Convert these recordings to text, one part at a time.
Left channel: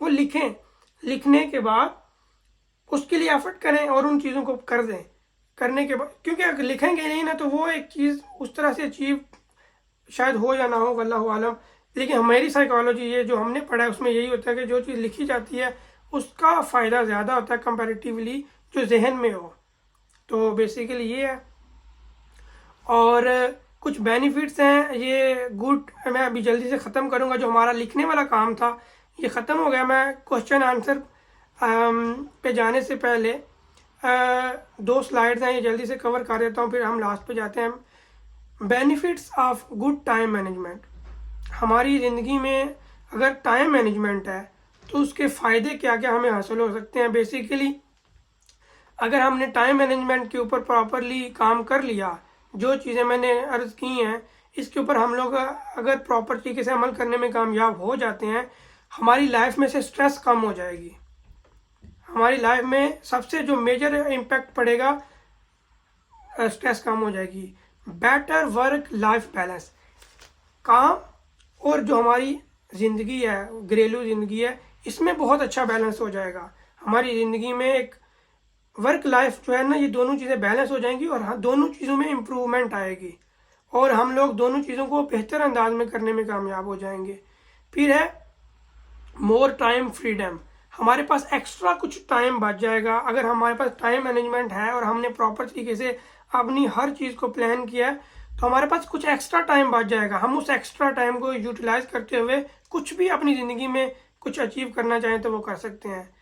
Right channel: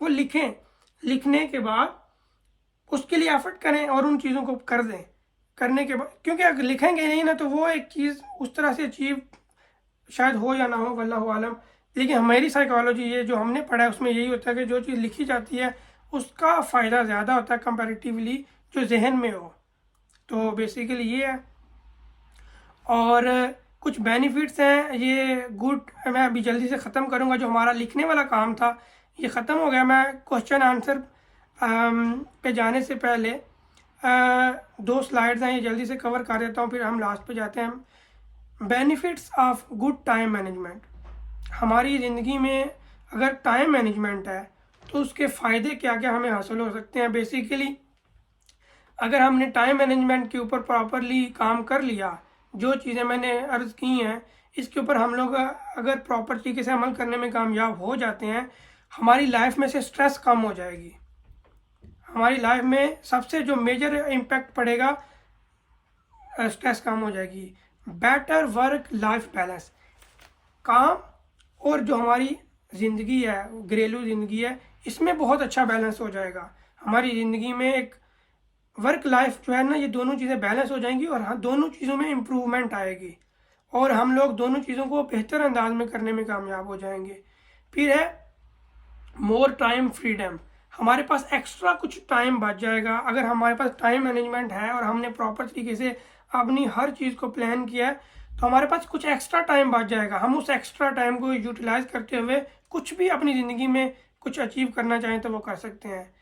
वो लिखें, लिखने के बाद उसके लिए एफर्ट करें और उन चीज़ों को कर दें। करने के बाद, क्योंकि अगर लिखेंगे नहीं ना तो वो एक चीज़ उस तरह से अचीव शायद हो या ना हो, वल्लाहु आलम। लेकिन हमारी साइकोलॉजी, ये जो हमने पढ़ा है उसमें यही होता है कि जो चीज़ लिखी जाती है उसका फ़ायदा ज़्यादा होता है कंपैरेटिवली जो जहन में हो। तो बेसिकली ये है। और कुछ बेनिफिट्स हैं ये गुड। मैं अभी जल्दी से ख़त्म करूँगा, जो हमारा लिखने वाला काम था ये ख़त्म हो गया। मैं क्वेश्चन आंसर पे जाने से पहले दो स्लाइड्स हैं, ये जल्दी से कवर कर देता हूँ, फिर हम लास्ट पे जाते हैं। Benefits of good time management. हमारी ज़िंदगी में अगर टाइम मैनेजमेंट है तो उसके फ़ायदे क्या क्या हमें हासिल हो सकते हैं। बेसिकली अगर हमने टाइम मैनेजमेंट के ऊपर प्रॉपरली काम कर लिया, जो चीज़ें मैंने अर्ज़ की हैं इसके ऊपर हम लोग अगर प्रॉपर तरीके से अमल करने में कामयाब हो जाते हैं, हमारी लाइफ में से स्ट्रेस कम हो जाएगी। हमारी लाइफ में सबसे जो मेजर इम्पैक्ट पड़ेगा, स्ट्रेस कम हो जाएगी। Better work life balance. काम और जो हमारी ज़िंदगी है, घरेलू ज़िंदगी है, इसमें बहुत अच्छा बैलेंस हो जाएगा। हमारी ज़िंदगी में एक वर्क लाइफ जो है ना, ये दोनों चीज़ें बैलेंस हो जाएंगी और हाँ, दोनों चीज़ों में इम्प्रूवमेंट आएगी और हम लोग दोनों चीज़ों को बेहतर अंदाज में करने में कामयाब हो जाएंगे। फिर है मोर टाइम फ्रीडम। हमारे पास एक्स्ट्रा कुछ टाइम बच जाएगा अगर हमारे पास टाइम मैनेजमेंट है और हमने प्रॉपर तरीके से अपनी हर चीज़ को प्लान किया है, तो हमारे पास कुछ एक्स्ट्रा टाइम बच जाएगा। हम उस एक्स्ट्रा टाइम को यूटिलाइज करते हुए कुछ भी अपनी ज़िंदगी में कुछ अचीव करना चाहें तो वो कर सकते हैं।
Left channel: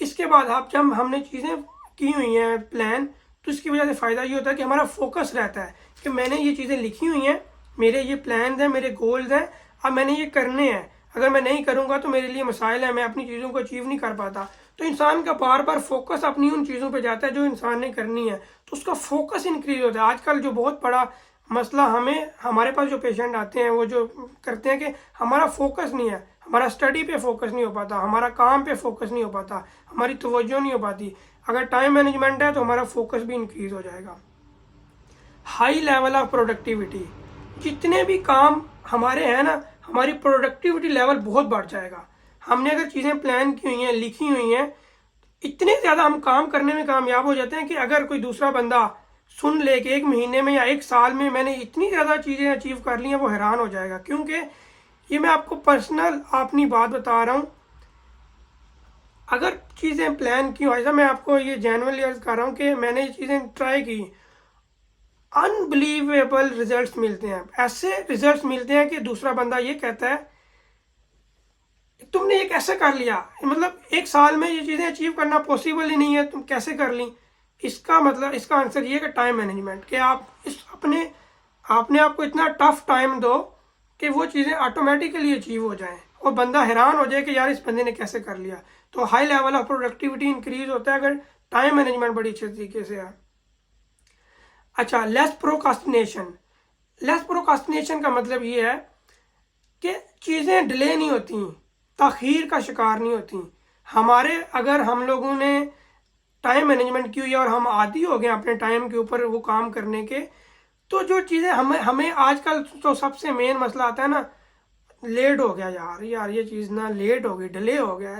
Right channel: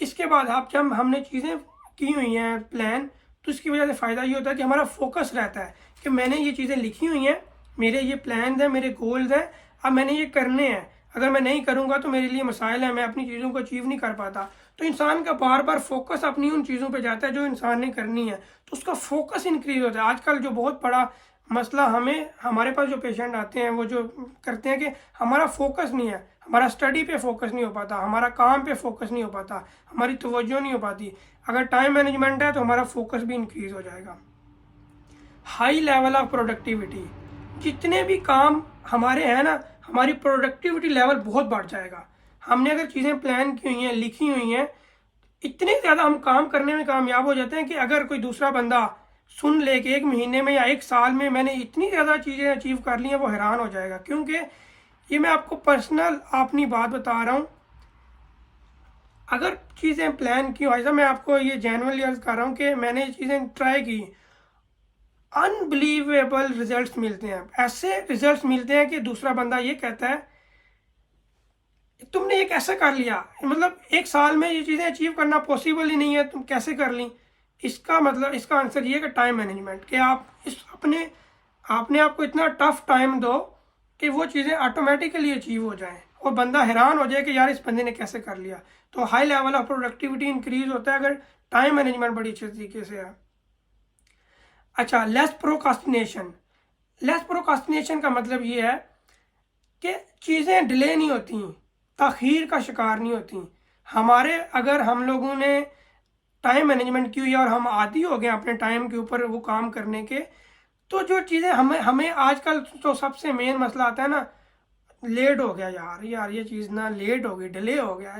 इसके बाद आप जब हमने चीज़ें की हुई हैं प्लान, तो इसकी वजह से फ़ायदा ये होता है कि हमारा फोकस रहता है कि मैंने ये चीज़ें लिखी हुई हैं, मेरे ये प्लान हैं, मेरे गोल्स हैं, अब मैंने ये करने हैं। अगर मैं नहीं करूँगा तो मेरे लिए मसाइल है, मैं अपनी चीज़ों को अचीव नहीं कर पाता। तो इंसान का बार बार फोकस अपनी उन चीज़ों पे जाता है जो इंसान ने करनी है, तो उसका फोकस इंक्रीज होता है। आजकल जो बहुत बड़ा मसला हमें, हमारे पास जो पेशेंट आते हैं वो जो करते हैं कि हमारा फोकस नहीं है, हमारा स्टडी पे फोकस नहीं हो पाता, हमारा काम पे फोकस नहीं हो पाता, हमारी तवज्जो नहीं हो पाती। अगर टाइम मैनेजमेंट है तो हमारा फोकस भी इंक्रीज हो जाएगा। High level of productivity. जितने भी काम हमारे हैं ना, हमारी प्रोडक्टिविटी लेवल बहुत बढ़ जाएगा। हमने अगर चीज़ें प्लान की हुई हैं, लिखी हुई हैं, इतने ज़्यादा हम काम करने में कामयाब हो जाते हैं कि अगर कोई दूसरा बंदा सुन ले कि 1 महीने में या 1 साल में मैंने इतनी ज़्यादा चीज़ें अचीव कर ली हैं, वो हैरान हो जाएगा। क्योंकि ये मैं आपको पर्सनल अपनी बात बता रहा हूँ। अगर चीज़ें प्लान की हो, ऐसा मैं आपको ये जेन्युइनली अर्ज कर रहा हूँ कि मैंने ये चीज़ें ट्राई की, अनबिलीवेबल रिजल्ट्स मिलते हैं। ऐसे रिजल्ट्स मिलते हैं कि दूसरा बंदा ये कहता है तुमने ये कैसे कर लिया, मतलब 1 साल में ये चीज़ें अचीव करना पॉसिबल ही नहीं है, तुम कैसे कर ली। इसका मतलब, इसका आंसर ये है कि टाइम मैनेजमेंट, कि आप इस अपने आपने आपको इतना टफ टाइम दो कि वो चीज़ें ऑटोमेटिकली अचीव हो जाएं और बंदा हैरान हो जाए कि यार इस बंदे ने कैसे कर लिया। तो high level of productivity increase होता है अगर टाइम मैनेजमेंट बड़ी अच्छे तरीके से है। अच्छा, लेस प्रोकास्टिनेशन। लेस प्रोकास्टिनेशन का मतलब ये है कि चीज़ें डिले नहीं होती, ताख़ीर का शिकार नहीं होती। हमारे, अगर हम लोगों ने टाइम मैनेजमेंट की हुई है और हम आदी हो गए अपने टाइम के ऊपर वो काम करने के, तो जो चीज़ें हमें हमें आजकल तो सबसे मेन मसला आता है ना, लेट हो गया यार, ये चीज़ ना लेट हो गई, डिले हो गया।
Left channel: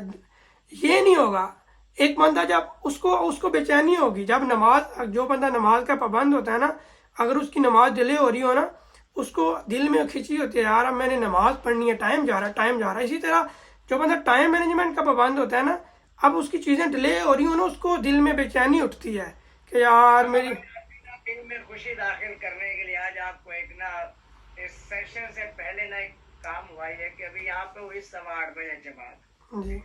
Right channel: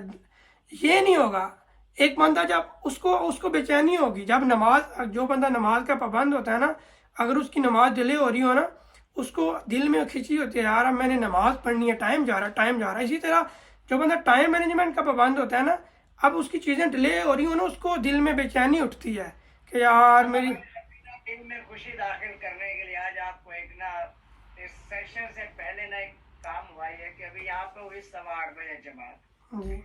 ये नहीं होगा। एक बंदा जब उसको उसको बेचैनी होगी जब नमाज, जो बंदा नमाज का पाबंद होता है ना, अगर उसकी नमाज डिले हो रही हो ना, उसको दिल में खिंची होती है, यार अब मैंने नमाज पढ़नी है, टाइम जा रहा है, टाइम जा रहा है। इसी तरह जो बंदा टाइम मैनेजमेंट का पाबंद होता है ना, अब उसकी चीज़ें डिले हो रही हो ना, उसको दिल में बेचैनी उठती है कि यार मेरी। दिन में खुशी दाखिल करने के लिए आज आपको एक ना, इस सेशन से पहले ना एक काम हुआ है कि अभी यहाँ पे हुई 8:15 जमात। जी।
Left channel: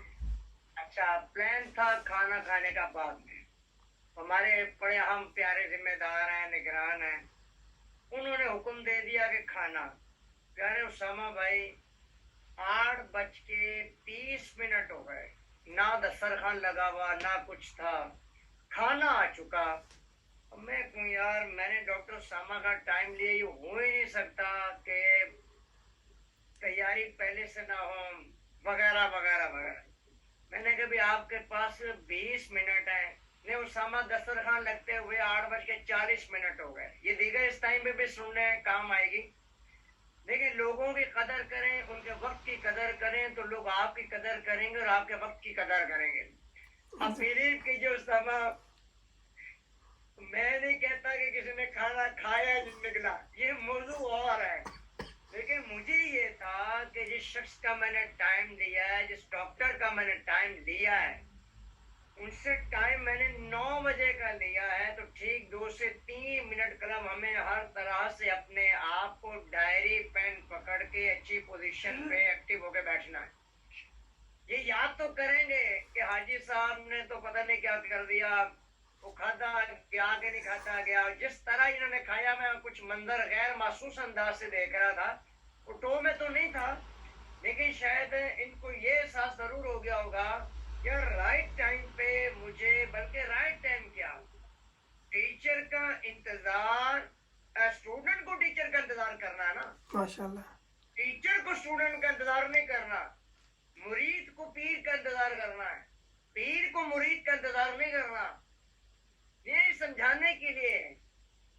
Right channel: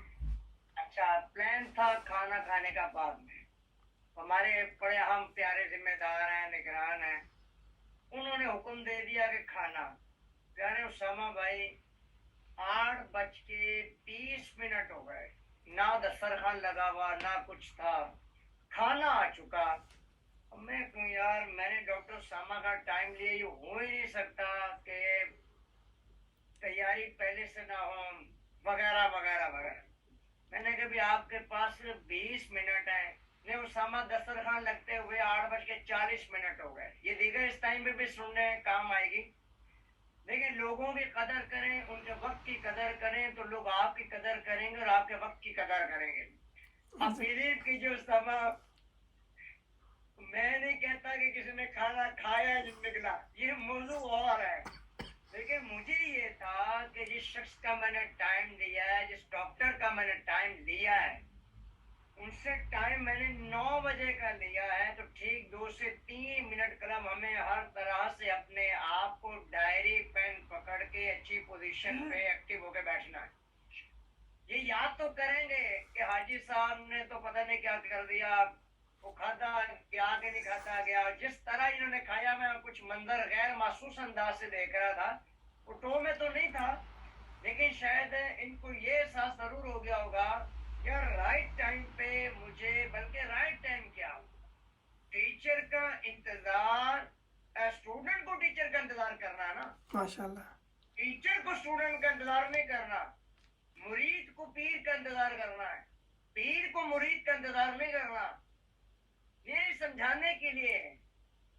अच्छा, प्लान था खाना खाने का बाद में। हमारे बड़े हम प्यारे जिम्मेदार हैं, निगरान हैं, उन्होंने हुक्म दे दिया कि खाना। प्यारे उसामा भाई, 8:30 हो गए, ना दस्तरखान लगा हुआ ना कुछ था, खाना आ चुका। मैं कहूँ यार, मैंने डॉक्टर सामा का टाइम लिया, ये हो ही नहीं सकता कि तैयारी पहले से ना हो, वगैरह वगैरह वगैरह। मैंने कहा भी आपके पास 20 मिनट है। ने उसामा दस्तरखान लगते हुए 8:40 हो गए। ये दीगर इस टाइम पे भी सुनने काम आएगी। देखिए, लोगों की कदर करें, उनके वक्त की कदर करें, तो लोग आपकी कदर करेंगे और आपके वक्त की कदर करेंगे। अब बिलीव कीजिए उस समय, मैं नहीं कहता कि किसी ने खाना खाया निकला, ये मौजू और है, लेकिन मुझे ये था कि जिस शख्स का मैंने टाइम लिया है, जिस डॉक्टर का मैंने टाइम लिया है, उनसे टाइम मैंने 9 बजे का लिया है, तो ठीक 2 से 3 मिनट कलम हमें हर तरह से अपने आप को डायरी पेन पकड़ के अच्छी पोजीशन पे एक्टिव होके बैठना है। ये याद तो करेंगे कि हाजी साहब ने तो पता नहीं क्या कर दिया, वो खाता गया कि नहीं खाता गया, जिस तरह इन्होंने खाया, मैं कुछ मंजर गैर महसूस अंदाज से देख रहा था, वो टो में तो नहीं था, लेकिन शायद इनको ये एहसास जरूर हो गया होगा यार राइट टाइम पे मुझे, बल्कि राइट टाइम क्या, टीचर का इंतजार, स्टूडेंट को टीचर का इंतजार करना है ना, माशाल्लाह। टीचर को स्टूडेंट का इंतजार नहीं करना, मुरीद को पीर का इंतजार करना है, पीर को मुरीद का इंतजार नहीं करना, ये समझाने के लिए है।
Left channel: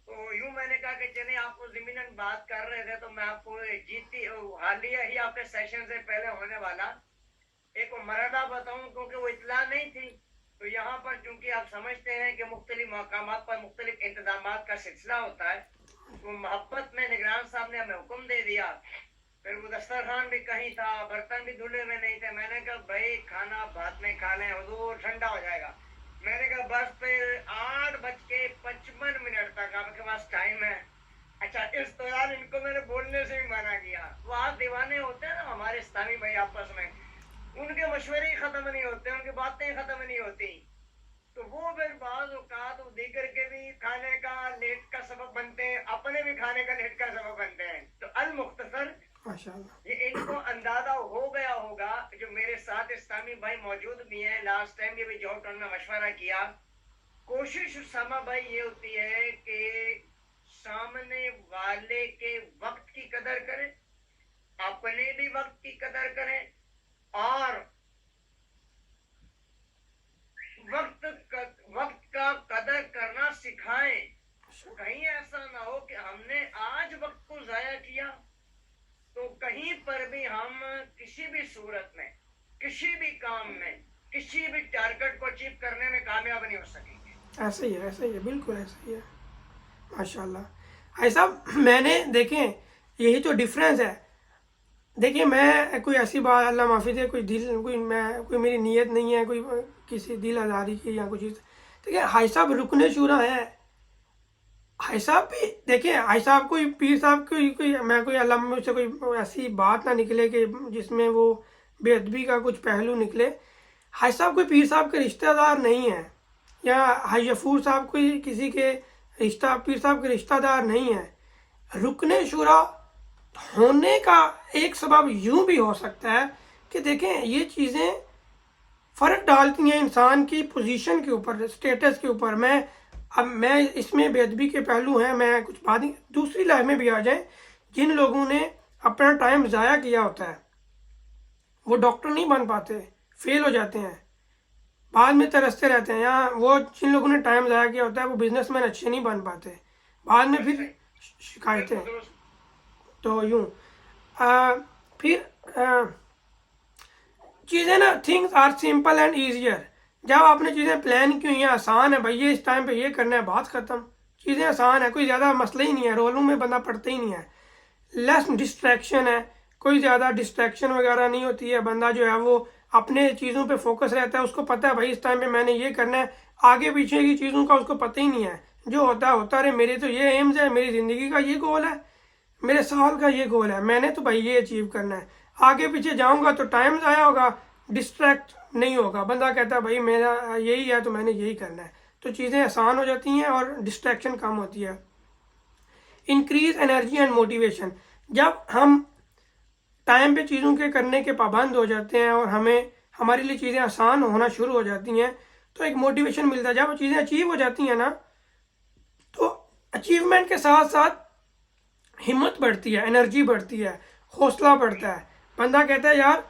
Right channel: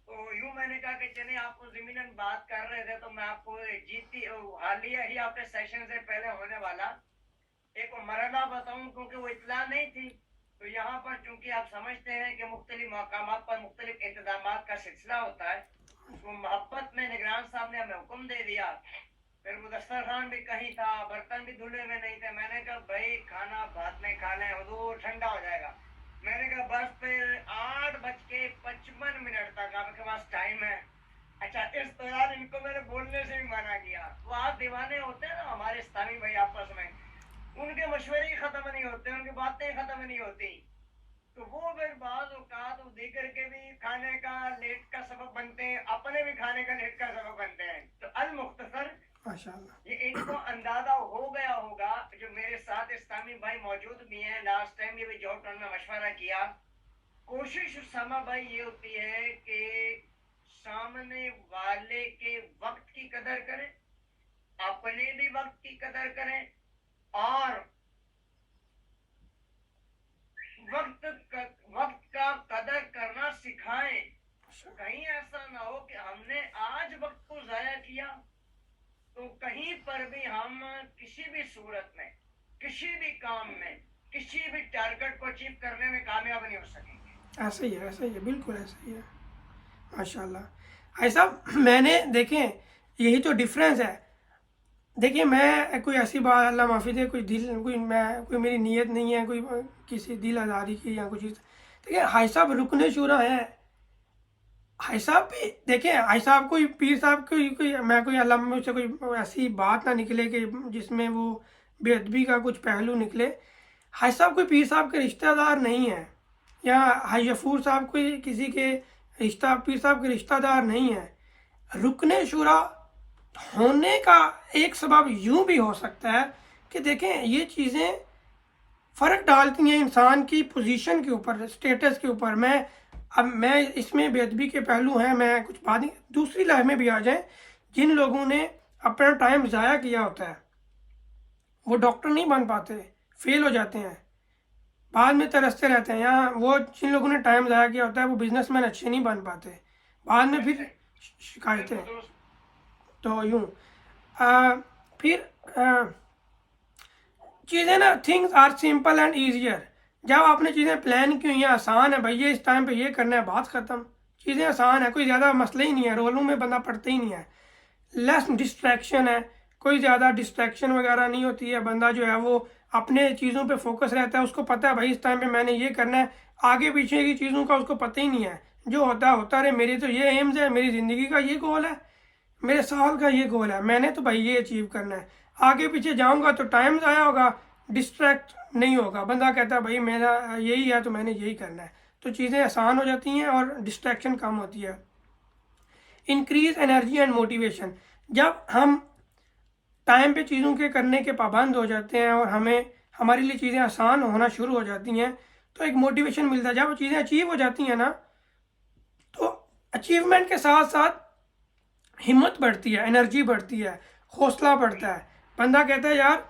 तो यूं मैंने कहा कि चले, आपको जमीनन बात कर रहे थे, तो मैं आपको जीती हालिया ही आपके सेशन से पहले होने वाला एक मरहला बताऊं, क्योंकि वो इतला नहीं थी। तो यहाँ पर चूंकि आप समझते हैं कि मुख्तलिफ मकामात पर मुख्तलिफ इंतजाम का सिलसिला होता है, तो मोहब्बत में निगरान साहब ने हमें हुक्म दे दिया। फिर वो दस्तरखान भी कहीं था, बर्तन भी धुले हुए नहीं थे। मैंने कहा भाई खाना बाद में खा लें, हुजूर ठंडा हो जाएगा। मैंने कहा बस फिर 8:55 तक आपके पास टाइम है। अच्छा, इस दौरान इनको मैंने बोलने से भी मना किया। वो आप दीवाने होते हैं ना हमारे इस्लामी भाई आपस में, उनके मशवरे ही खत्म नहीं होते, उनकी बातें खत्म नहीं होती। तो वो फिर बाज औकात दीगर के भी खाने का लेट का सबब बनते हैं, अपने भी खाने का लेट का सबब बनते हैं। तो अल मुख्तसर, माशाल्लाह। ये इनको अंदाजा हो गया होगा, जो मेरे साथ इस्लामी भाई मौजूद भी हैं, लास्ट टाइम ये भी जॉब में मशवरा किया। कोशिश उसामा भाई ये होती है कि सामने वाले के वक्त की कदर करें, अपने भी वक्त की कदर करें, और वक्त का कदर करना सिखाएं। कहीं ऐसा ना हो कि हमने आज वक्त को जाया किया, तो कहीं पर भी हम किसी भी सूरत में, किसी भी काम में, किसी भी टारगेट को अचीव करने में कामयाब नहीं हो सकेंगे। ऐसा ही है, ऐसा ही है, बिल्कुल ऐसा ही है। माशाल्लाह। ऐसा मैंने देखें, यही तो डिफरेंस है। देखिए, मैं कोई ऐसी बात, अल्लाह माफ़ी दे, कोई मेरी नीयत नहीं है कोई किसी दिल आज़ारी की या कुछ। देखिए, हाई साहब रुकने शुरा है। हाई साहब भी देखिए, हाई साहब कोई पीर साहब कोई अल्लाह मुझसे कोई ऐसी बात ना निकले कि जिसमें वो बेअदबी का कुछ पहलू निकले। हाई साहब कोई पीर साहब के रिश्तेदार नहीं है, या हाई गफूर साहब कोई किसी के पीर साहब के रिश्तेदार नहीं है। रुकने शुरा होने का एक सबब यूं भी हो सकता है कि देखें, ये चीज़ें फ़र्क डालती हैं इंसान की पोजीशन के ऊपर, स्टेटस के ऊपर। मैं इसमें बेअदबी के पहलू हैं, मैं कुछ बात नहीं, दूसरी लाइफ में भी आ जाए। जिन लोगों ने अपना टाइम ज़ाया किया होता है, वो डॉक्टर नहीं बन पाते, फेल हो जाते हैं, बाद में तरसते रहते हैं। या वो जिन लोगों ने टाइम ज़ाया किया होता है, वो बिजनेसमैन अच्छे नहीं बन पाते, बाद में फिर शिकायतें। तो यूँ फिर चीज़ें ना, things are simple and easier. जब आपने चीज़ें प्लान की हुई हैं, आसान है भाई, ये इस टाइम पे ये करना है, बात ख़त्म। चीज़ें आसान है, कोई ज़्यादा मसला ही नहीं है, रोलों में बंदा पड़ता ही नहीं है। लेस डिस्ट्रैक्शन है, कोई ज़्यादा डिस्ट्रैक्शन वगैरह नहीं होती है। बंदा जो है वो अपने चीज़ों पे फोकस रहता है, उसको पता है भाई इस टाइम पे मैंने ये करना है। आगे पीछे की चीज़ों का उसको पता ही नहीं है, जो होता रहे। मेरे तो ये एम्स है, मेरी ज़िंदगी का ये गोल है, मेरे साल का ये गोल है, मैंने तो भाई ये अचीव करना है। आगे पीछे जाऊंगा तो टाइम ज़ाया होगा, डिस्ट्रैक्ट नहीं होगा। बंदा कहता है भाई मेरा यही है तो मैंने यही करना है, तो चीज़ें आसान हो जाती हैं और डिस्ट्रैक्शन कम होती है। Increase energy and motivation. जब हम टाइम पे चीज़ों के करने के पाबंद हो जाते हैं और हमारे लिए चीज़ें आसान होना शुरू हो जाती हैं, तो एक मोटिवेशन मिलता है। जब चीज़ें अचीव हो जाती हैं ना, तो अचीवमेंट के साथ साथ हिम्मत बढ़ती है, एनर्जी बढ़ती है, हौसला बढ़ता है। बंदा कहता है यार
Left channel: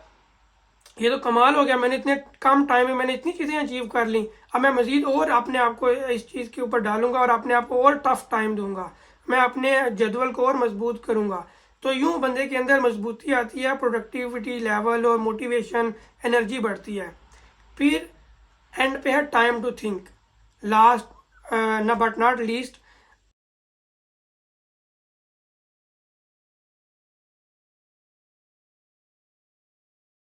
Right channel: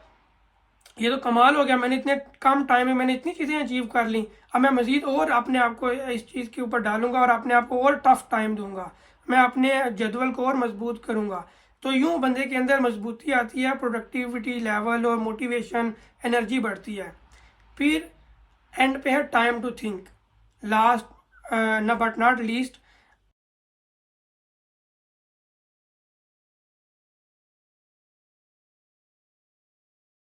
ये तो कमाल हो गया, मैंने इतने कम टाइम में मैंने इतनी चीज़ें अचीव कर ली, अब मैं मज़ीद और अपने आप को इस चीज़ के ऊपर डालूंगा और अपने आप को और टफ टाइम दूंगा, मैं अपने जदवल को और मजबूत करूंगा। तो यूं बंदे के अंदर मजबूती आती है, प्रोडक्टिविटी लेवल और मोटिवेशन, एनर्जी बढ़ती है। फिर एंड पे है टाइम टू थिंक। लास्ट न बट नॉट लीस्ट,